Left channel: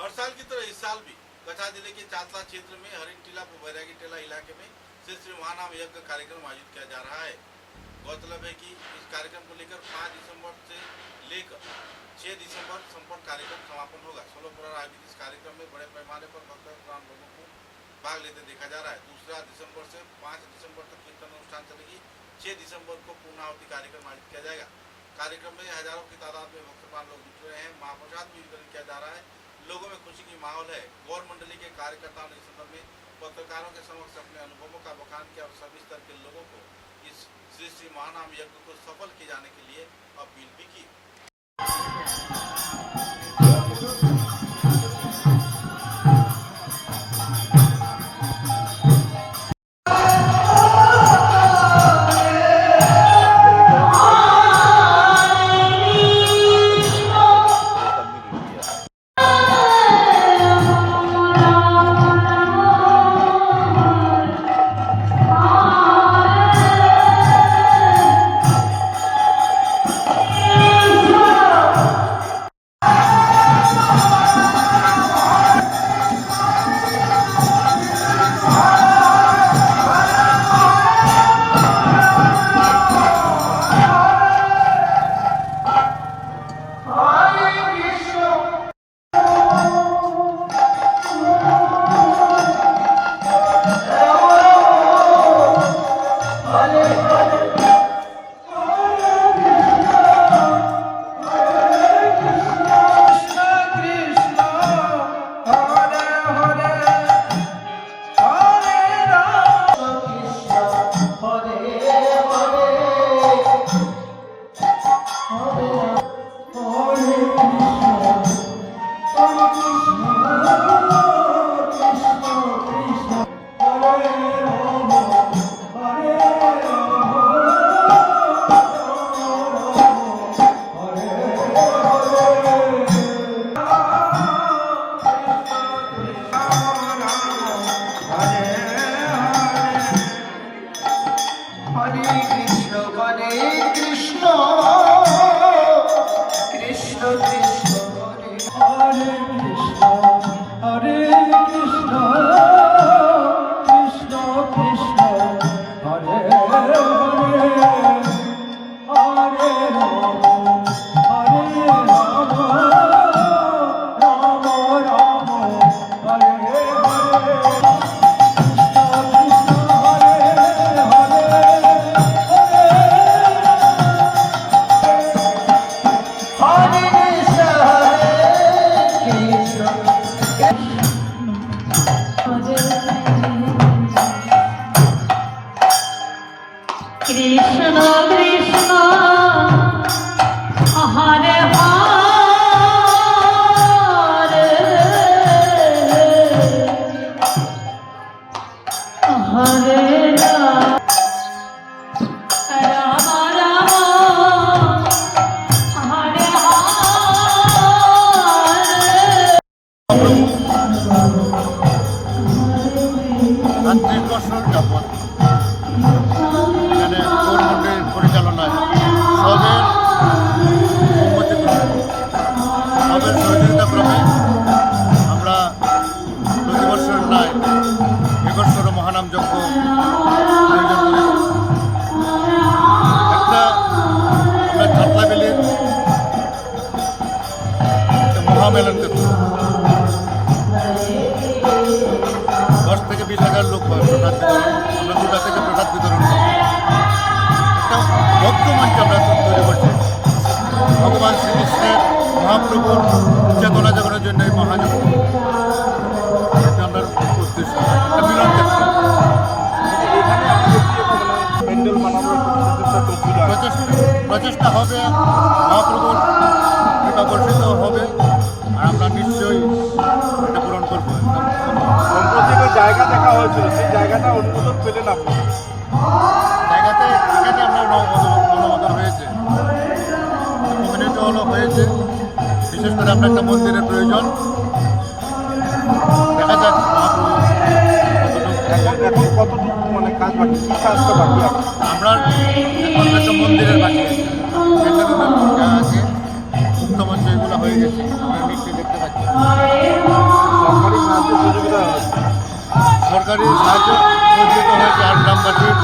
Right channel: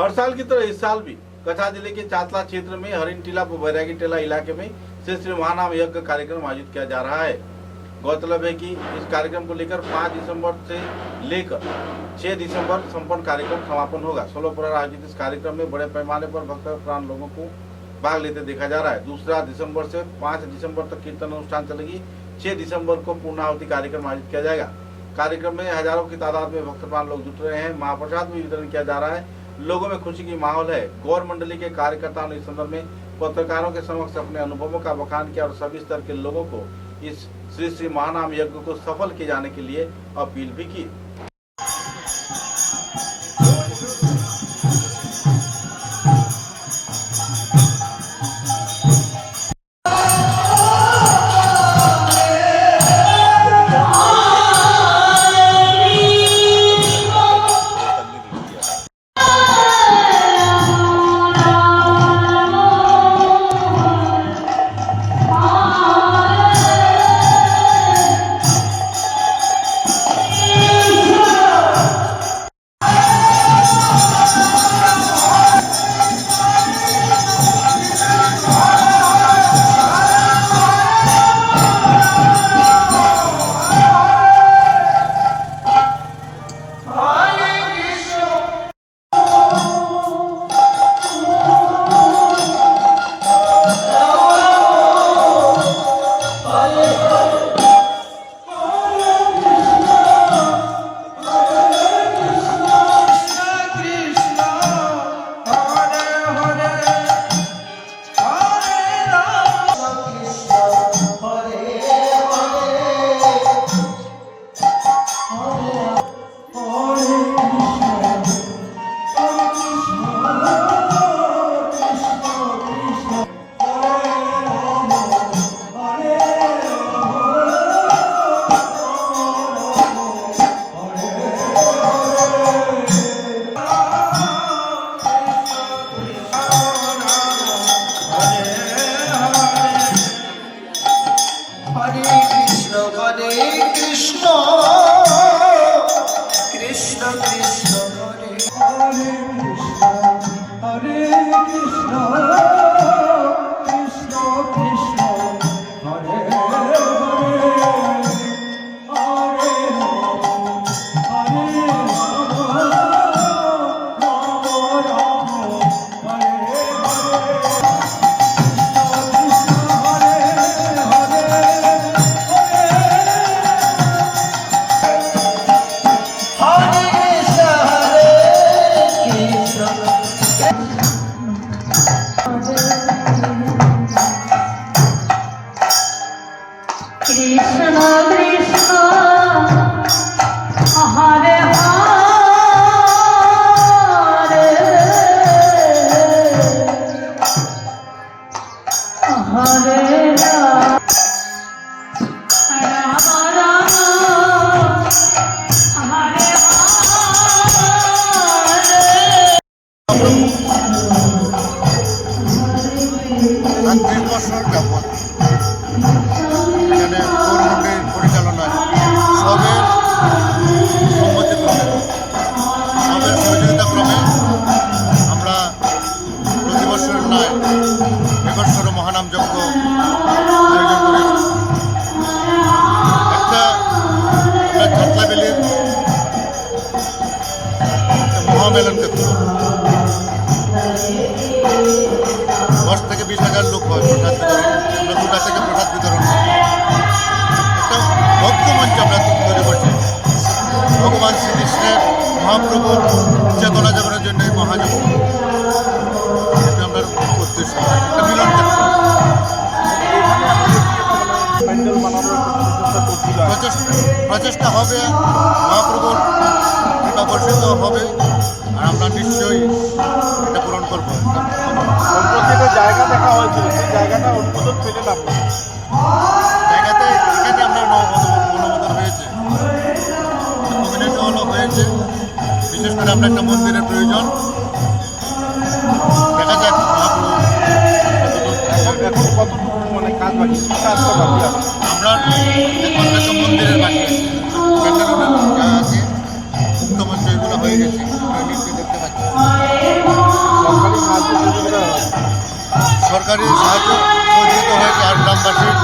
हर साल की तरह इस साल भी कछा जिले के चातला क्षेत्र में हरिन टीला व बैरागी टीला इलाके में श्री श्री महानाम यज्ञ कार्यक्रम आयोजित किया जा रहा है। गौरतलब है कि इस कार्यक्रम को लेकर 5 दिसंबर से लेकर 6 दिसंबर संपन्न कार्यक्रम समापन होगा। 16 पर आयोजित इस कार्यक्रम में बड़े पैमाने पर भक्त प्राण लोगों को भाग लेते देखा जा रहा है। 2 दिसंबर से 5 दिसंबर तक कीर्तन अनुष्ठान चलेगी। 6 दिसंबर को पूर्णाहुति कार्यक्रम आयोजित किया जाएगा। कार्यक्रम में हजारों की तादाद में भक्त प्राण लोग जुट रहे हैं। महाप्रसाद भी वितरण किया जा रहा है। लोगों में खुशी की माहौल है। गौर मंडली के कार्यकर्ताओं ने इस संदर्भ में पत्रकारों के समक्ष अपने अनुभवों का बखान किया और सभी स्तर के लोगों को इस श्री श्री महानाम यज्ञ को सफल किए जाने के लिए अपील भी की। বছর যাবৎ এখানে গৌরমন্ডির পরিচালনায় সবের সম্মতিক্রমে সবের সহযোগিতাক্রমে আমরা প্রতি বছর নয় এবছরও মহানাম যজ্ঞ আয়োজন করেছি। একটা আমরা ছাতলাবেলির মহামেলন ক্ষেত্র 10 থেকে 20,000 লোক হয় প্রসাদ বিতরণ। আমরা 2টা থেকে প্রসাদ বিতরণ করি। একটা ভক্ত মঞ্চ আমরা তৈরি করছি ভগবান শ্রীকৃষ্ণের মহাপ্রভুর চেতনা জাগরণের জন্য এই মহাযজ্ঞ, এটা আমরা উদ্দেশ্য, একটা মিলন ক্ষেত্র। প্রচেষ্টা হবে, মহাপ্রভুর কৃপা বর্ষিত হবে আর আমরা নিশ্চয়ই এটা পূরণ করবো। জায়গা দেখা হয়েছিল, সেই জায়গাটা অনুমোদন পেলেন আপনার জায়গাতে এখানে আমরা অনুমোদন হয়েছে, কমিউনিটি হলও হয়েছে। বিশেষ করে আমরা একটা মন্দিরের প্রয়োজন, দেখা যাক মহাপ্রভু এখন কতটুকু মানে কাজ বাকি, কী কাজটা বাকি? আমরা একমাত্র একটা মন্দিরের বাকি আছে, ক্যান্ডেল যা আছে মুক্তমঞ্চ এগুলো হয়ে গেছে, আমরা নিশ্চয়ই দেখতে পাচ্ছি। সহযোগিতা হয়েছে? সরকারি সাহায্য সহযোগিতা হয়েছে আর গ্রামবাসীর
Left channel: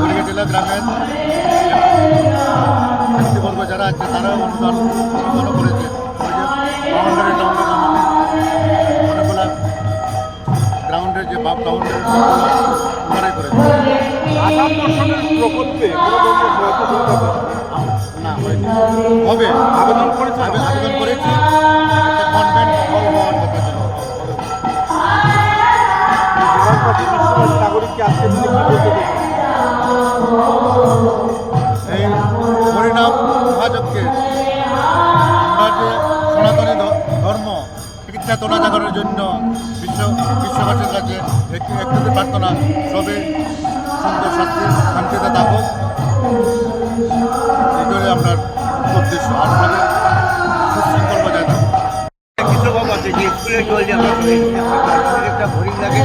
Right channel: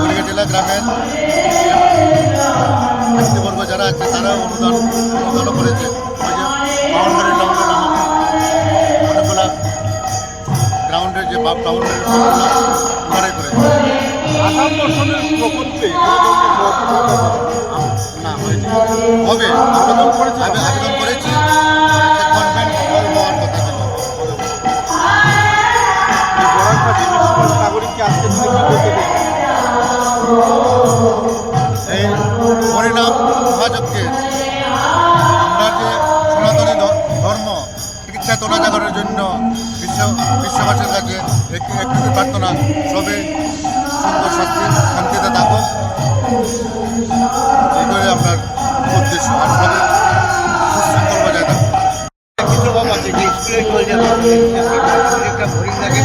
বরিগাটিলা গ্রামের যে ব্যক্তিবর্গ যারা আছে তারাও অনুদানও করেছে। ওই যে বাউন্ডারি টাউন্ডারি আমাদের অনেকগুলা গ্রাউন্ডের যে বাউন্ডারি সবগুলো ওনারাই করেছে। আসাম দর্শনের প্রকল্পে কোনো ধরনের সহযোগিতা পাবে? না হয়নি, হবে। আবেদন করেছি, একটা কনভেন্ট হল হওয়ার কথা ছিল, হবে। এই বরাকবাসী বিশ্ববাসী নাগরিককে আজকে দিনে কি বলতে চাই? এই হরিনাম মহাযজ্ঞের আমরা যে সনাতনী ধর্ম চিকিৎসা তোলা জাগানোর জন্য বিশ্ববাসীর কাছে একটু প্রার্থনা, সবে সুন্দর শান্তিতে থাকুক, এইটাই আপনার উদ্দেশ্য। আর সবে সুশৃঙ্খল বজায় থাকুক। কিছু ভাব আছে যে স্কুলে চলছে আমাদের একটা বোরিং লাগে,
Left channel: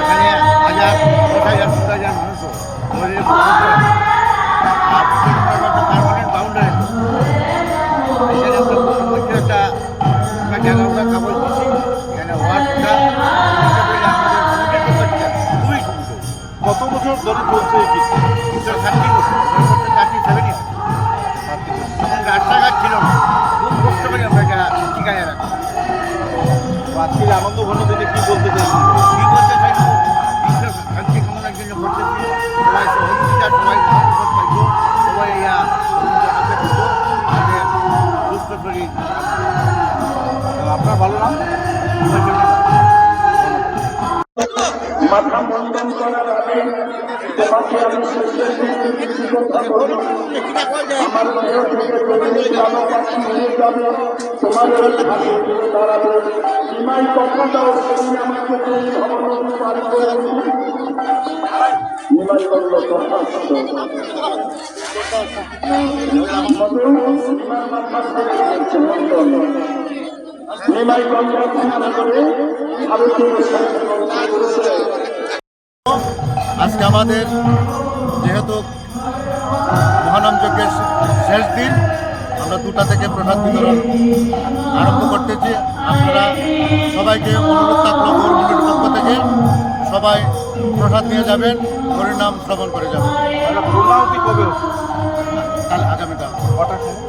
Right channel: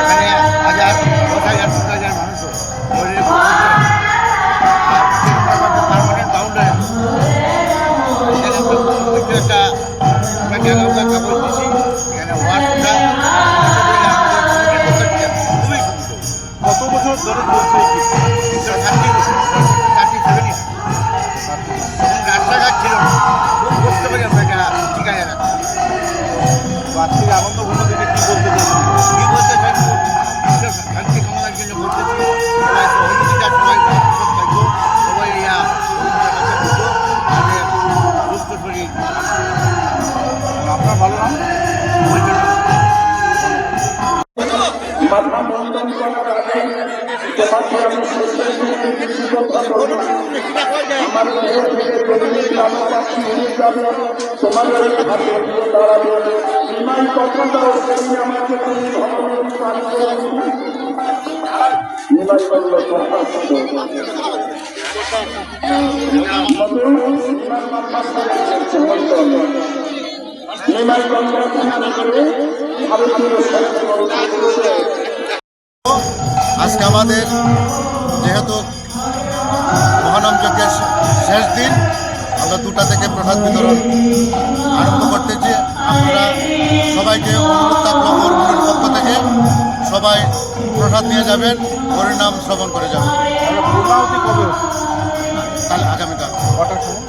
এখানে 1000, 10,000, 15,000 মানুষও বোর্ডের আর পারমানেন্ট বাউন্ডারি এখানে একটা আমরা জায়গা কাগজ দিচ্ছি, এখানে ওয়ার্ডটা আমাদের কমিটির পক্ষ থেকে খুবই সুবিধা। কত বছর ধরে চলছে এই কিছু? 30 বছর, 37 ইয়ার। তখন রাস্তাঘাট ছিল না, খুব কষ্ট করে আমরা এটা টিকায় রাখি। আজকের আনন্দ ঘন দিনে কি বলতে চাই? কি বলতে চাইবো, বিশ্ব শান্তি কামনার জন্য বলতেছি, সবাই সহযোগিতা, সবাই মহাপ্রসাদ পাইব, সবাই ইয়া রবীন্দ্রের কাছে বুঝো, তাদের সুস্থ শরীর আপনার ভালো নাম? বলছেন। মাথা মন্ডন করার আগে তোমাকে আমি আমার বাড়ি থেকে বেরিয়ে কালো পাখি নিয়ে যাবে, তোমাদের হাতে ফিরে দাঁড়াবে। বিমান চাকরিটা আমাকে তুমি ভবনের পারি করে নিমাই করল নিমাই করল ভারতীয় আজকে আমাদের যেহেতু মহানাম যজ্ঞের শেষ দিন, আমরা 2টা থেকে প্রসাদ বিতরণ আরম্ভ করতেছি। আপনারা সবাইকে অনুরোধ থাকলো গৌরমন্ডলের পক্ষ থেকে সবাই প্রসাদ নিয়ে যাবেন, হরিনাম শ্রবণ করে যাবেন। পূর্ণাহুতি কবে হচ্ছে? কাল, আগামীকাল। কটার সময়?